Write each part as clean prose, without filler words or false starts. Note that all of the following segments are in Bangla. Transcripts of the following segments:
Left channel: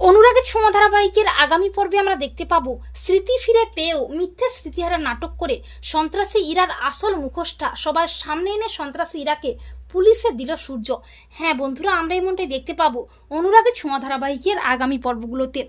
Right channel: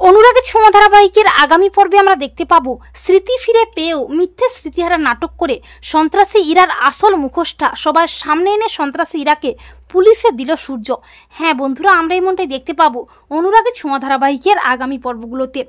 অনুরাগের ছোঁয়া ধারাবাহিকের আগামী পর্বে আমরা দেখতে পাবো স্মৃতি ফিরে পেয়েও মিথ্যে স্মৃতিহারা নাটক করে সন্ত্রাসী ইরার আসল মুখোশটা সবার সামনে এনে সন্ত্রাসী ইরাকে পুলিশে দিল সূর্য। হ্যাঁ বন্ধুরা, আমরা এমনটাই দেখতে পাবো অনুরাগের ছোঁয়া ধারাবাহিকের আগামী পর্বগুলোতে।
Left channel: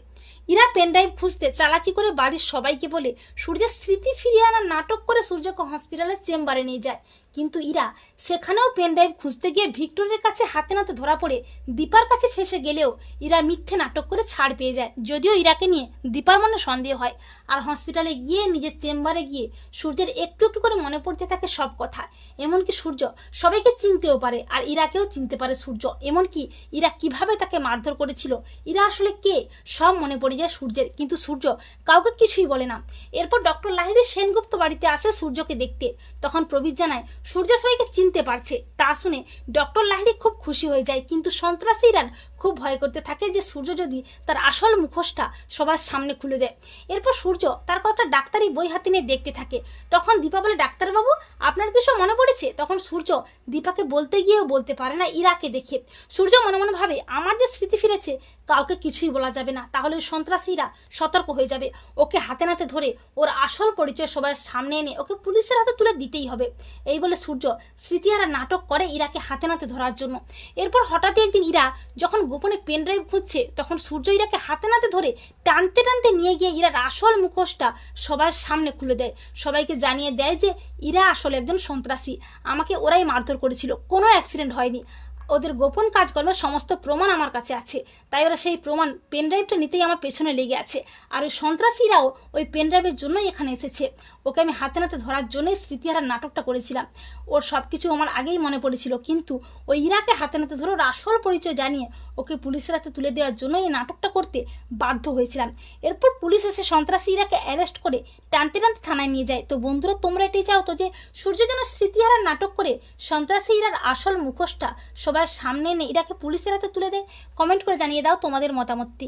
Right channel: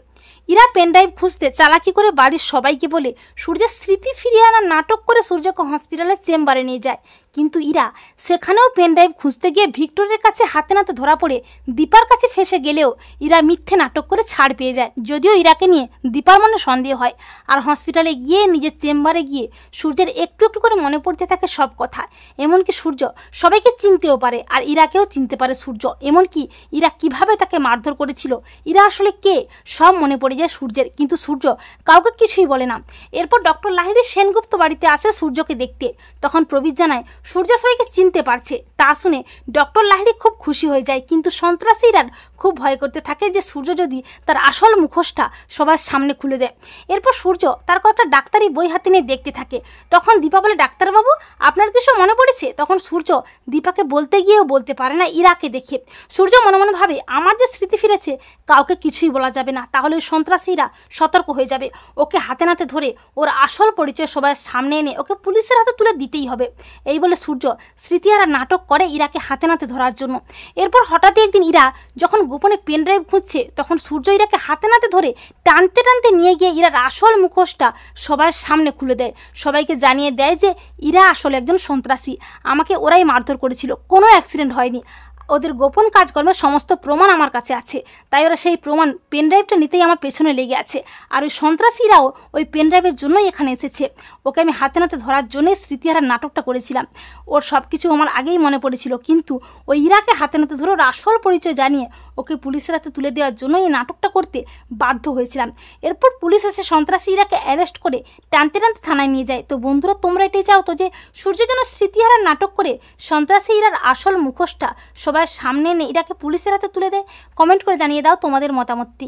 ইরা পেনড্রাইভ খুঁজতে চালাকি করে বাড়ির সবাইকে বলে সূর্যের স্মৃতি ফিরিয়ে আনার নাটক করে সূর্যকে হসপিটালের চেম্বারে নিয়ে যায়। কিন্তু ইরা সেখানেও পেনড্রাইভ খুঁজতে গিয়ে ভিক্টরের কাছে হাতে নাতে ধরা পড়ে দীপার কাছে ফেসে গেলেও ইরা মিথ্যে নাটক করে ছাড় পেয়ে যায়। যদিও ইরাকে নিয়ে দীপার মনে সন্দেহ হয়, আর হসপিটালে গিয়ে নিজের চেম্বারে গিয়ে সূর্যের একটু একটু করে মনে পড়তে থাকে সব কথা। এমনকি সূর্য সবাইকে চিনতেও পারে, আর ইরাকেও চিনতে পারে সূর্য। এমনকি ইরা কিভাবে তাকে মারধর করেছিল, ইরা আসলে কে, সব মনে পড়ে যায় সূর্যের। কিন্তু সূর্য কাউকে কিছুই বলে না। এরপর ডক্টর লাহিড়ী সেনগুপ্ত বাড়িতে আসে সূর্যকে দেখতে। তখন প্রবীর জানায় সূর্য সবাইকে চিনতে পারছে। তা শুনে ডক্টর লাহিড়ী খুব খুশি হয়ে যায়, কিন্তু সন্ত্রাসীরা খুব ভয় করতে থাকে যে সূর্য যদি তার আসল মুখোশটা সবার সামনে খুলে দেয়। এরপর সূর্য তার কয়েকটা ডাক্তারি বই হাতে নিয়ে দেখতে থাকে। তখন দীপা বলে, ডাক্তারবাবু আপনার কিছু মনে পড়েছে? তখন সূর্য দীপাকে বলতে গিয়েও বলতে পারে না ইরাকে দেখে। সূর্য মনে মনে ভাবে, আমার যে স্মৃতি ফিরেছে কাউকে কিছুই বলা যাবে না, তাহলে সন্ত্রাসীরা সতর্ক হয়ে যাবে। ওকে হাতে নাতে ধরে ওর আসল পরিচয় সবার সামনে এনে ওকে পুলিশের হাতে তুলে দিতেই হবে। এই বলে সূর্য স্মৃতিহারা নাটক করে ইরাকে হাতে নাতে ধরার জন্য। এরপর হঠাৎই একদিন ইরা যখন গোপনে পেনড্রাইভ খুঁজছে, তখন সূর্য ইরাকে হাতে নাতে ধরে টানতে টানতে নিয়ে গিয়ে ইরার আসল মুখোশটা সবার সামনে খুলে দেয়। সবাইকে জানিয়ে দেয় যে ইরা আসলে একজন সন্ত্রাসী, আমাকে ওরাই মারধর করেছিল, কোনো অ্যাক্সিডেন্ট হয়নি, ওদের গোপন কাজকর্মের সমস্ত প্রমাণ আমার কাছে আছে, তাই ওরা সেই প্রমাণ পেনড্রাইভটা নিতেই আমার পেছনে লেগে আছে। আর ওই সন্ত্রাসীরাও ওই পেনড্রাইভের জন্যই এখানে এসেছে। ওকে আমি হাতে নাতে ধরার জন্যই স্মৃতিহারার নাটকটা করেছিলাম। ওর সব কিছু আমার আগেই মনে পড়েছিল, কিন্তু ওই ইরাকে হাতে নাতে ধরে ওর আসল পরিচয় জানিয়ে ওকে পুলিশের হাতে তুলে দেওয়ার জন্য এই নাটকটা করতে বাধ্য হয়েছিলাম। এরপর পুলিশ এসে সন্ত্রাসী ইরাকে অ্যারেস্ট করে টানতে টানতে থানায় নিয়ে যায়। তো বন্ধুরা, তোমরা এটাই চাও তো যে সূর্য যেন স্মৃতিহারার নাটক করে সন্ত্রাসী ইরার আসল মুখোশটা সবার সামনে এনে ইরাকে পুলিশের হাতে তুলে দেয়? কমেন্ট করে জানিয়ে দাও তোমাদের মতামতটি।